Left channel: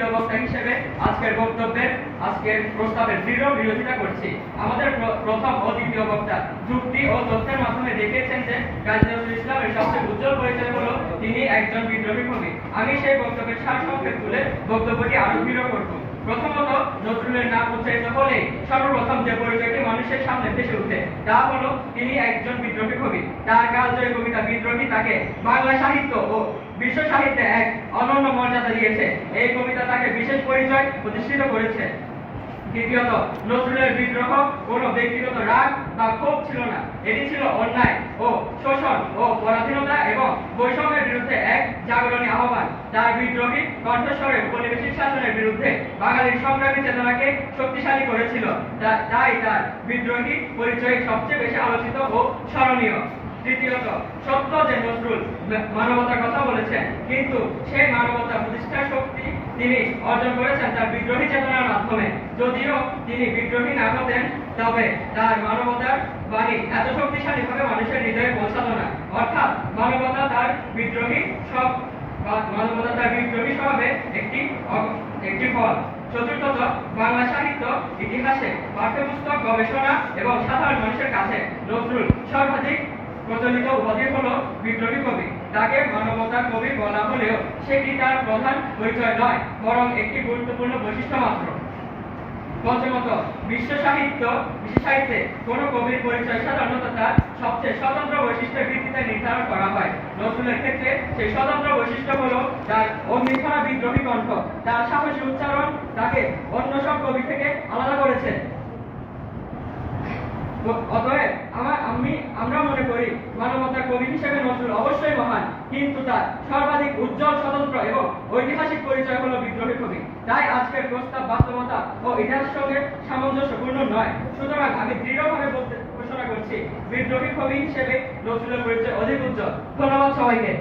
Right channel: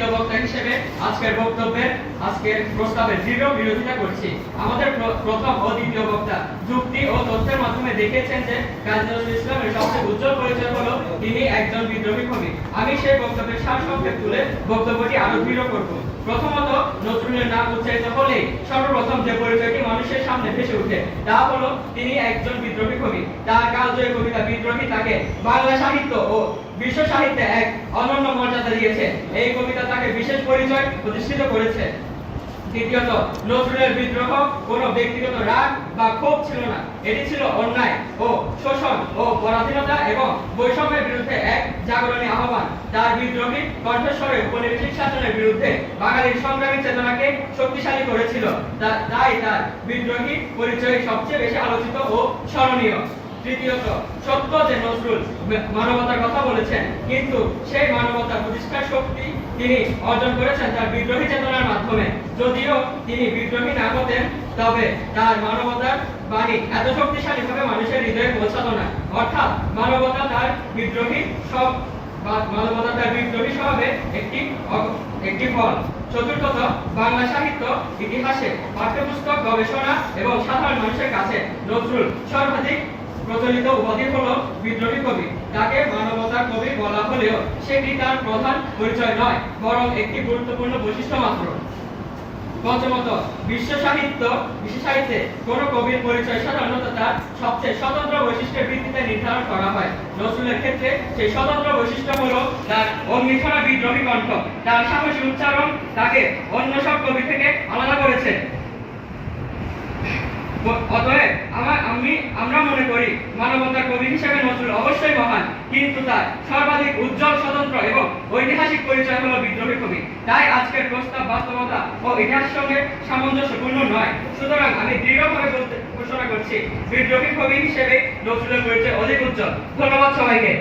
দ্বিতীয় বক্তা হিসেবে আজকের প্রস্তাবের দৃঢ় বিরোধিতা করছি। আমাদের প্রথম ও দ্বিতীয় বক্তা যুক্তি ও তথ্যের মাধ্যমে দেখিয়েছেন যে কাজী নজরুল ইসলামের সবচেয়ে উজ্জ্বল পরিচয় হলো তিনি একজন বিদ্রোহী কবি। আমি সেই বক্তব্যের সারসংক্ষেপ তুলে বক্তব্যটি আরো দৃঢ় করব। প্রথমত, নজরুলের নাম উচ্চারিত হলেই সর্বপ্রথম যে পরিচয়টি মানুষের সামনে ভেসে ওঠে তা হলো তিনি একজন বিদ্রোহী কবি। তার কালজয়ী কবিতা বিদ্রোহী তাকে বাংলা সাহিত্য ও বিশ্ব সাহিত্যে এক অনন্য মর্যাদা দিয়েছে। এই কবিতা তাকে বিশেষ পরিচয় প্রতিষ্ঠিত করেছে। দ্বিতীয়ত, নজরুলের বিদ্রোহ কোনো ব্যক্তিগত রাগ বা ক্ষোভ ছিল না, এটি ছিল অন্যায় ও শোষণ ও পরাধীনতা এবং বৈষম্যের বিরুদ্ধে এক জাগরণী আহ্বান। তার বিদ্রোহী কণ্ঠস্বরে উপনিবেশিক শাসনের বিরুদ্ধে বাঙালির সংগ্রামী চেতনাকে শক্তিশালী করেছিল। তাই তার বিদ্রোহী পরিচয় সবচেয়ে বেশি আলোচিত ও স্মরণীয়। তৃতীয়ত, সত্য যে নজরুল মানবতার কথা বলেছেন, কিন্তু সেই মানবতা প্রতিষ্ঠার শক্তি তিনি অর্জন করেছেন তার বিদ্রোহী চেতনার মাধ্যমে। যদিও তিনি বিদ্রোহী না হতেন, তবে তার মানবতার বাণী এত শক্তিশালীভাবে মানুষের হৃদয়ে পৌঁছাতো না। অর্থাৎ মানবতা তার বিদ্রোহী স্বভাবে একটি ফল। চতুর্থত, বাংলা সাহিত্য ইতিহাসে পাঠ্যপুস্তক গবেষণা এবং সাধারণ মানুষের কাছে নজরুল সর্বাধিক প্রচলিত উপাধি হলো বিদ্রোহী কবি। তাকে মানবতার কবি বলা হলেও সেটি তার প্রধান পরিচয় নয়, বরং একটি গুরুত্বপূর্ণ বৈশিষ্ট্য মাত্র। পঞ্চমত, বিশ্ব সাহিত্যে কোন কবির পরিচয় সাধারণত তার সবচেয়ে স্বতন্ত্র বৈশিষ্ট্যের ভিত্তিতে নির্ধারণ করা হয়। নজরুলের ক্ষেত্রে সেই স্বতন্ত্র বৈশিষ্ট্য হলো তার অগ্নিছড়া বিদ্রোহী কণ্ঠ। তার সাহসী উচ্চারণ তাকে অন্য সব কবি থেকে আলাদা করেছে। অতএব আমরা মনে করি মানবতার কবি হিসেবে নজরুল অবশ্যই মহান, কিন্তু তার সর্বাধিক উজ্জ্বল, স্বতন্ত্র এবং ঐতিহাসিক পরিচয় হলো বিদ্রোহী কবি। তাই আজকের প্রস্তাব বাস্তবতা ও ইতিহাসের সঙ্গে সামঞ্জস্যপূর্ণ নয়। সুতরাং আমি দৃঢ়ভাবে ঘোষণা করছি, বিদ্রোহী কবি হিসেবে নজরুলের পরিচয় অধিক উজ্জ্বল। ধন্যবাদ সবাইকে।